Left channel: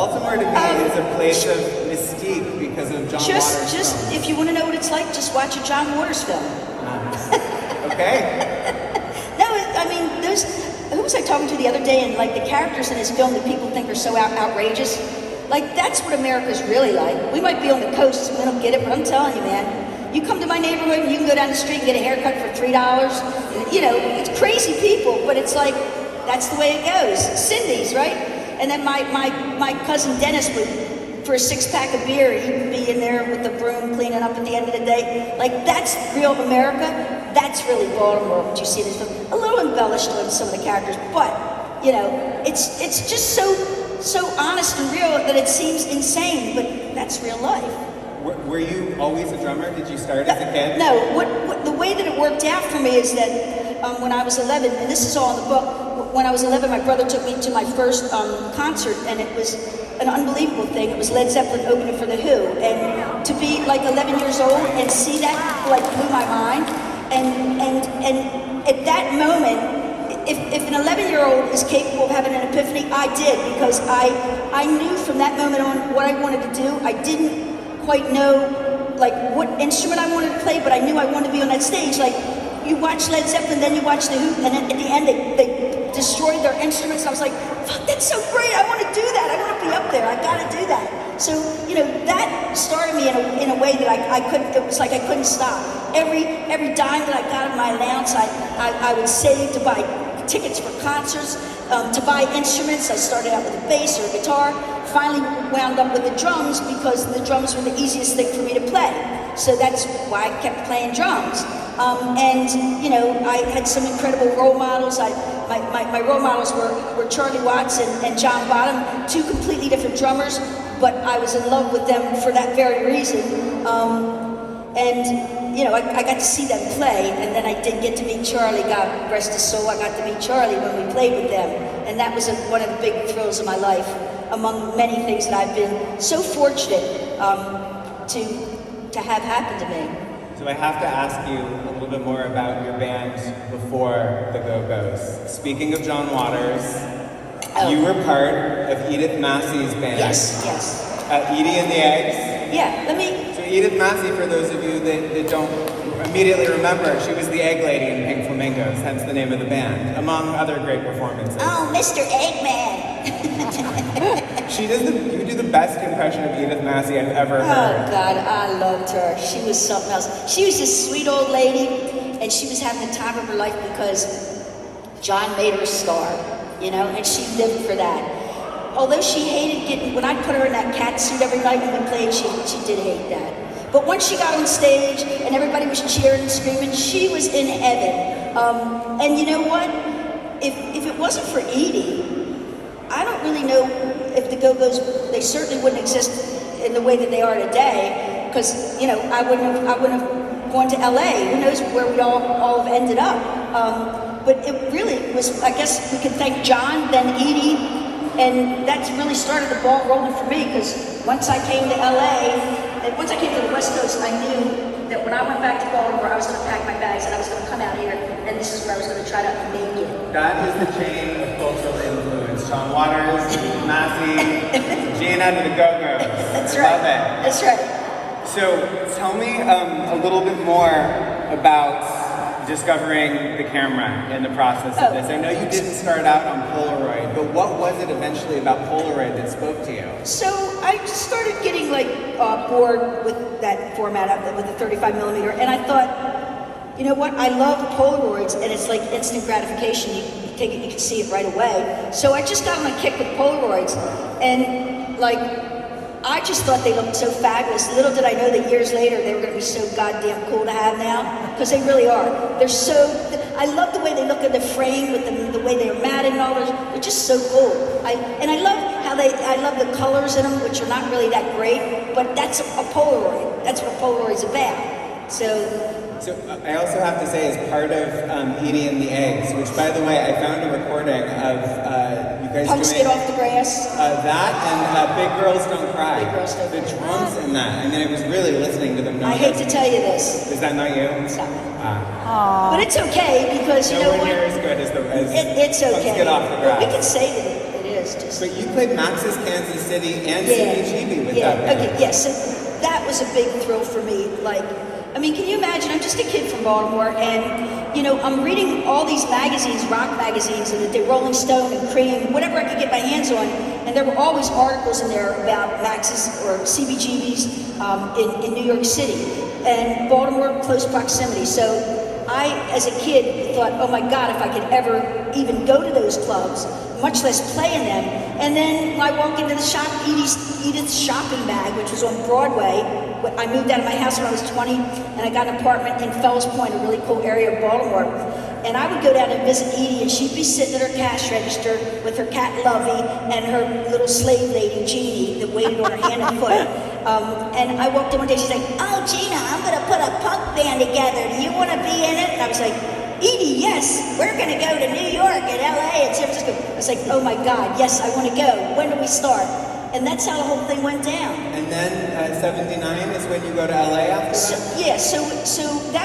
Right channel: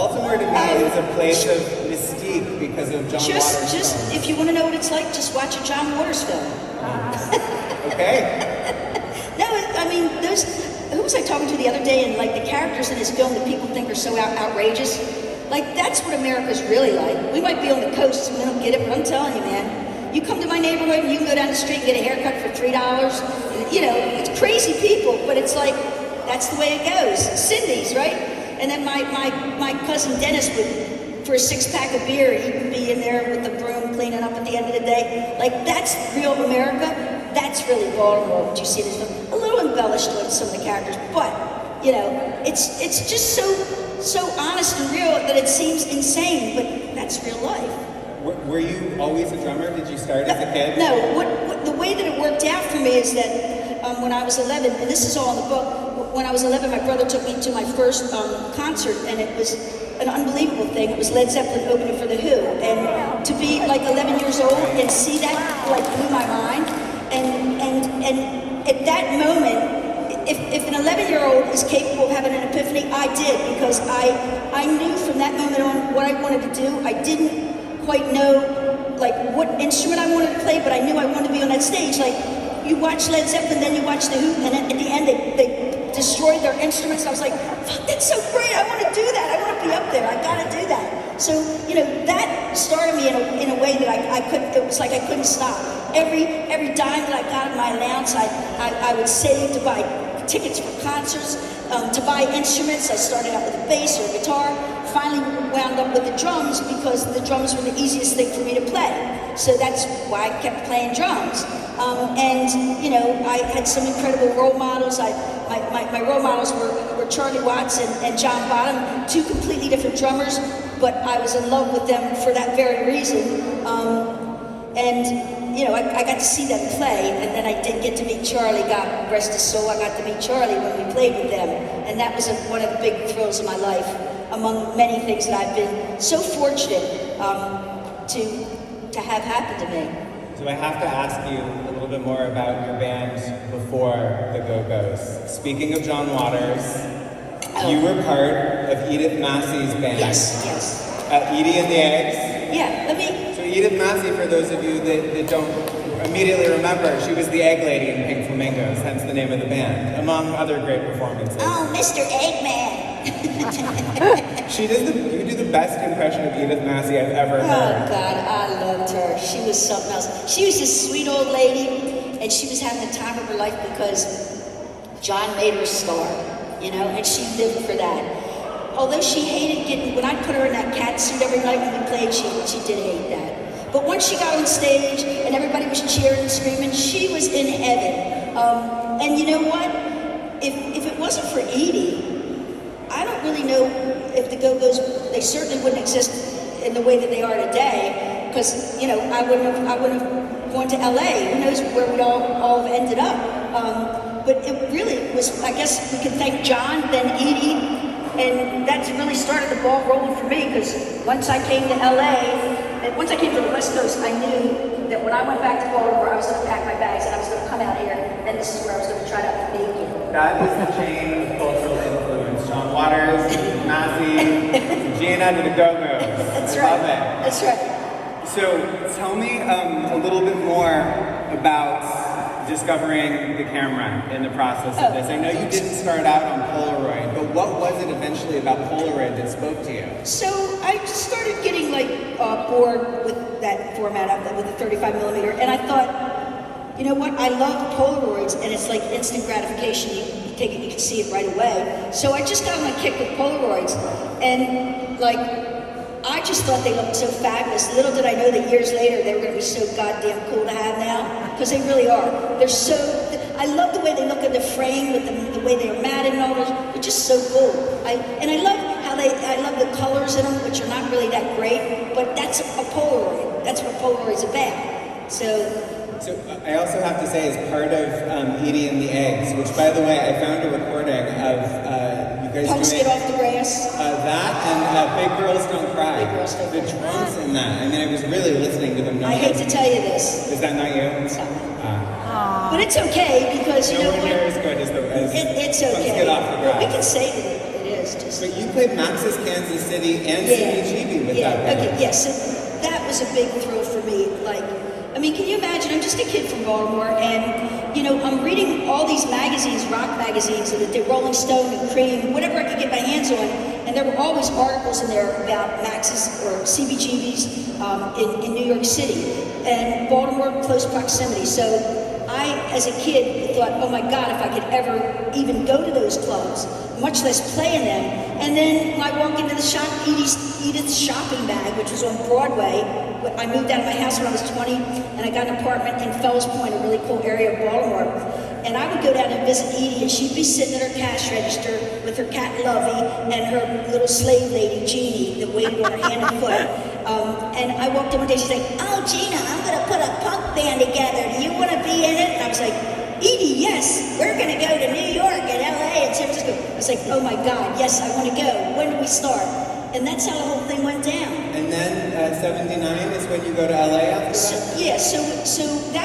Baltimore to me is a place of mystique because of John Waters. Just if you want to know what it's like, just watch a John Waters film. Okay. No, I mean, who was I talking to the other day, and like the characters in his film that people think are so outrageous, like that's what America's really like. We might be on the coast and we don't get it, but I'm telling you, man, you come to my neighborhood and you can go down the street and get a haircut for $3. You know, it's crazy people, but it's like, that's the way it goes. Cindy's, right? And then my cousin Dennis would, for a 6-pack of beer, he'd be in there with the broom cleaning up at the end of the day. Like, that's real America. That's really Baltimore, what you see this film. A little embellished with some of the characters, but, you know, it's just so honest and real that it seems insane, but that's real life. Were you always a drummer? Did you start as a kid? No, what the way that it worked out for me is that when I was 11, and this is all in the book, when I was 11, my brother took me to my first concert, and it was an unbelievable thing. It was Led Zeppelin opening for The Who, and to be like 11 years old and see that, like, blew my mind. And at that moment, if an 11-year-old is capable of having an epiphany, I did, because I knew from that moment on what I wanted to do. I didn't quite know like what instrument I wanted to play, but I knew I wanted to be on that stage. Like, you watch Led Zeppelin, then you watch The Who, and at the end they destroyed their instruments. I was like, fuck, that's so great, I want to do that, I want to be up there, I gotta do that. So, you know, that started me in a way that I couldn't, it was like I couldn't stop. Every dime that I got in my allowance, I would save to buy tickets for concerts, to buy instruments. I started out with a bass or a guitar, finally wound up with the drums because the drums were the easiest thing for me to play. So that's why I kept playing drums. And, you know, I had some incredible role models. My role models were Charlie Watts and John Bonham, two completely different drummers, but I was in love with them for that very reason. And, you know, I got to see them play, and then I did get to meet Charlie, God rest his soul. I got to meet Charlie when we played with them, and that was one of the big thrills of my life, among many things that I've been so fortunate to have happen to me. So I have to ask you a little bit more about your band before the Go-Go's. Speaking of John Waters, you were part of Edith Massey's band. Yes. Edie and the Eggs. Yeah, So Edith Massey, for those of you that don't immediately remember, she was the egg lady in Pink Flamingos, hence the name of the band, among other great performances. Oh, Mr. Eggman. You do the best impression of Edith Massey I've ever heard. Oh God, I loved her. She was something else. She was this sweet old lady, and she was having the time of her life because John made her a star, you know, and she lived for that. Although she hated when I put her in that cat suit every night when we played, she did hate that. But once she got on stage and everybody was cheering and screaming, she was in heaven. And you know what? If it wasn't for Edie, I don't really know if the Go-Go's, they certainly wouldn't exist in the way that they are today, because, you know, I wouldn't have gone to LA. Who knows where we all have ended up. But it really was, I guess we can thank John, then Edie, and that's really started the ball rolling for me, because once I came to LA, and once I came to the West Coast, I knew that when I went back to Baltimore, I was going to pack my bags and I was going to come out here, and this is where I was going to try to be again. That is the chain of cultural influence. John Waters, Massey, Gina, and the Go-Go's. That's right. That's right. So tell me a little bit more about discovering the camera in the process of this. I know you didn't start out on Polaroid, but what was it eventually about Polaroid that spoke to you? So I started getting bored with that format with the 35 millimeter, and I thought, you know what? I love Polaroids, and it's like instant gratification. You take it, you can see it right away. So I just got on a kick with Polaroids, and I just thought they looked so fabulous. Little did I know that years later they were going to be so goddamn cool to have now, because they really are. I love the way they look in the frame with the way they're matted and all those. They're just so cool. I love how I love the colors in them, which are not really that great, but that's a Polaroid. That's what Polaroid's about. So I also have to say, as part of Edie and the Eggs, which, by the way, I found a recording of you guys Punks doing Get Off the Grass. That and Big Girls Don't Cry. Big Girls Don't The Cry. drums in that. I mean, I was really listening to them. I hate to tell you this. Is that not you? It's not. But it's okay, because you know one what? here is good as It's okay. Punks Get Off the Grass. We can say that it is too. days. But you played Max's Kansas City and Yeah. CBGB with Yeah, that band. okay, yes. So that was a big thrill for me. Like, I mean, can you imagine? I'm just a kid from Baltimore, and, you know, I'm reading all these magazines, rock magazines, and the Rolling Stone and Cream, whatever I could get my hands on, and there were always articles in there about Max's or CBGB's in New York City, and Baltimore, close proximity. So I, as a kid, thought, oh my God, if I could ever even go to those clubs, much less play in them. And then I walked into the shop, Edith's Shopping Bag, which was on Broadway. I moved out of my house when I was 20, and I got an apartment in Fells Point, a really cool area of Baltimore. And I would go down and visit Edie, and she'd be sitting at her cash register with her cat Lovey and her little slave lady Jeannie that waited on her hand and foot. And I walked in one day, she's like, oh, Gina, I'm going to put a punk band together. Do you want to be in it? And I was like, Edie, yes, we're going to go to New York and LA and San Francisco. I was like, oh my God, yes, I want to go. When do we start? And that's how the whole thing went down. And then 79 is when you go to LA after that? So that